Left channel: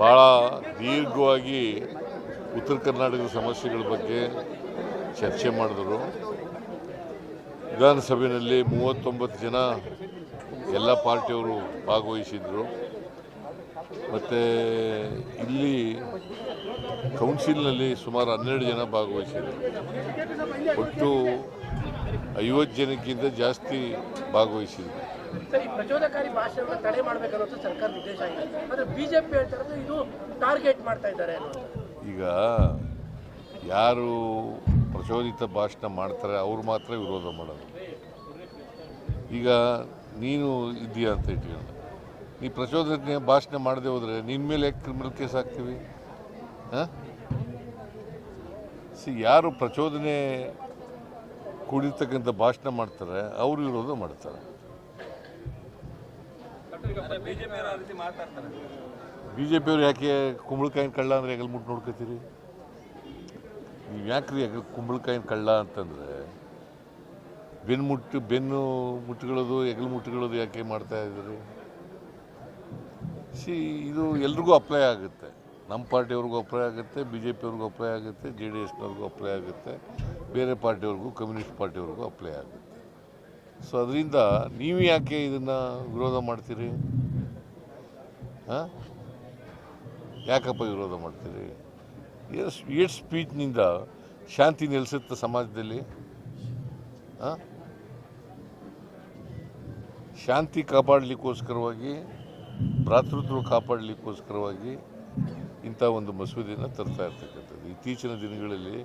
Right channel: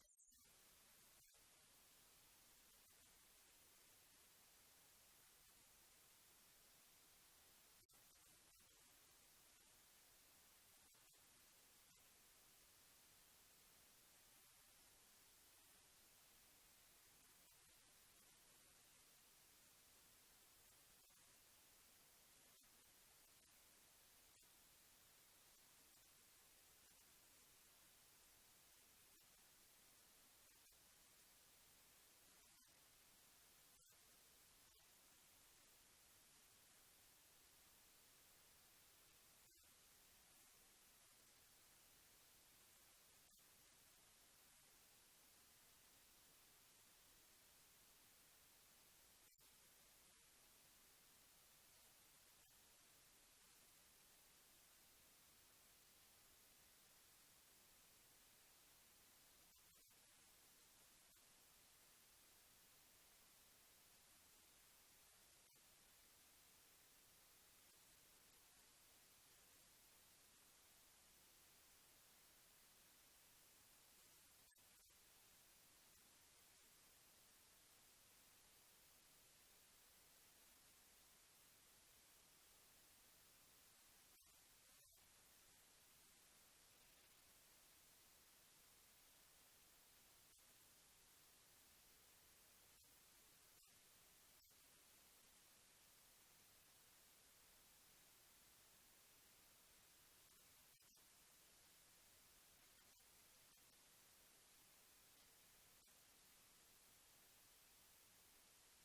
ಭಾಳ ದೀರ್ಘವಾಗಿ ಉತ್ತರ ಕರ್ನಾಟಕದ ಸಮಸ್ಯೆಗಳ ಬಗ್ಗೆ ಚರ್ಚೆ ಮಾಡಿದರು. ವಿಧಾನಸಭೆಯಲ್ಲಿ 39 ಜನ ಎಲ್ಲ ಪಾರ್ಟಿಯವರು ಭಾಗವಹಿಸಿದರು. ಮತ್ತು ಇಲ್ಲಿ ಕೌನ್ಸಿಲ್ನಲ್ಲಿ ಸುಮಾರು 12 ಜನ ಭಾಗವಹಿಸಿದರು. ಒಟ್ಟು 50 ಜನಕ್ಕಿಂತ ಜಾಸ್ತಿ ಭಾಗವಹಿಸಿದರು. ಪ್ರಚೋದಕಾರಿ ಭಾಷೆಯನ್ನು ತಡೆ ಮಾಡಬೇಕನ್ನೋದು ಸರ್ಕಾರ ನಿರ್ದೇಶ ಆಗಿದೆ. ಆದರೆ ಬಿಜೆಪಿ ಹೇಳ್ತಾರೆ ಇದು ಟಾರ್ಗೆಟ್ ಮಾಡ್ತಾ ಇದ್ದಾರೆ. ಈಗ ಯಾರು ಪ್ರಚೋದಿತ ಭಾಷಣ ಮಾಡ್ತಾರೆ ಅವ್ರು ಮಾತ್ರ ವಿರೋಧ ಮಾಡೋದು. ಈಗ ನೀನು ಇದೆಯಾ ಅಂತ ಇಟ್ಕೊಂಡು ನೀ ಪ್ರಚೋದನೆ ಭಾಷಣ ಮಾಡದೆ ಹೋದರೆ ನಿನ್ನ ಮೇಲೆ ಕ್ರಿಮಿನಲ್ ಕೇಸ್ ಹಾಕ್ತೀವಿ. ಯಾರು ಪ್ರಚೋದನೆ ಕೂಡಿರ್ತಕ್ಕಂಥ ಭಾಷಣ ಮಾಡ್ತಾರೆ ಅವರು ವಿರೋಧ ಮಾಡ್ತಾರೆ. ಬಿಜೆಪಿಯವ್ರು ಯಾಕೆ ಕುಂಬಳಕಾಯಿನ ಕಳ್ಳ ಅಂದರೆ ಹೆಗಲ್ ಮುಟ್ಟು ನೋಡ್ಕೋತೀರಿ? ನೀವು ಯಾಕ್ರಿ ಕುಂಬಳಕಾಯಿನ ಕಳ್ಳ ಅಂತಂದರೆ ಬೆನ್ನು ಮುಟ್ಟುಗಳದು ಹೆಗಲು ಮುಟ್ಟುಗಳದು ಯಾಕೆ ಮಾಡ್ತಾ ಇದ್ದೀರಿ? ಇದು ಎಲ್ರಿಗೂ ಅಪ್ಲೈ ಆಗುತ್ತೆ. ನಮ್ಮ ಪಾರ್ಟಿಯವ್ರಿಗೂ ಅಪ್ಲೈ ಆಗುತ್ತೆ, BJP-ಅವ್ರಿಗೂ ಅಪ್ಲೈ ಆಗುತ್ತೆ, JDS-ನವ್ರಿಗೂ ಅಪ್ಲೈ ಆಗುತ್ತೆ, ಬೇರೆ ಪಾರ್ಟಿಯವ್ರಿಗೂ ಕಮ್ಯುನಿಸ್ಟ್ ಪಾರ್ಟಿಯವ್ರಿಗೂ ಅಪ್ಲೈ ಆಗುತ್ತೆ. ಸೊ ಅದರಿಂದ ನೀವು ಯಾಕೆ ಇದನ್ನು ವಿರೋಧ ಮಾಡ್ತೀರಿ? ಯಾಕಪ್ಪ ವಿರೋಧ ಮಾಡ್ತೀರಿ? ಏಟ್ ಸ್ಪೀಚ್ನಿಂದ ಶಾಂತಿ ನೆಲೆಸುತ್ತೆ ಸಮಾಜದಲ್ಲಿ? ಶಾಂತಿ ಕಾಪಾಡಲಿಕ್ಕೋಸ್ಕರವಾಗಿ, ಭ್ರಾತೃತ್ವ ಕಾಪಾಡಲಿಕ್ಕೋಸ್ಕರವಾಗಿ ಇಂಥ ಒಂದು ಮಸೂದೆಯನ್ನು ತರ್ತಾ ಇರ್ತಕ್ಕಂಥದ್ದು. ಇತ್ತೀಚಿನ ದಿನಗಳಲ್ಲಿ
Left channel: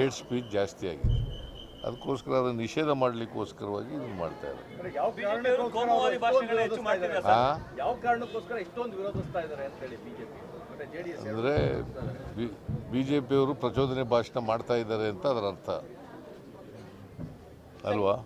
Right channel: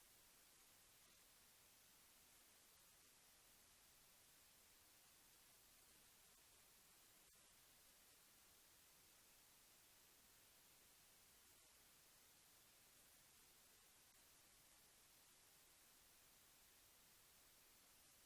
ಏಟ್ ಸ್ಪೀಚ್ ಜಾಸ್ತಿ ಆಗಿದೆ. ಅದಕ್ಕೋಸ್ಕರ ಅದನ್ನು ನಿಷೇಧ ಮಾಡಲಿಕ್ಕೋಸ್ಕರವಾಗಿ ಇದನ್ನು ಮಾಡ್ತಾ ಇದ್ದಾರೆ. ಅಂದರೆ BJP-ಯವರು ಪ್ರಚೋದನೆ ಭಾಷಣ ಮಾಡ್ತಾ ಇದ್ದಾರೆ ಅಂತ ಅದರ ಅರ್ಥ ಅಲ್ವಾ?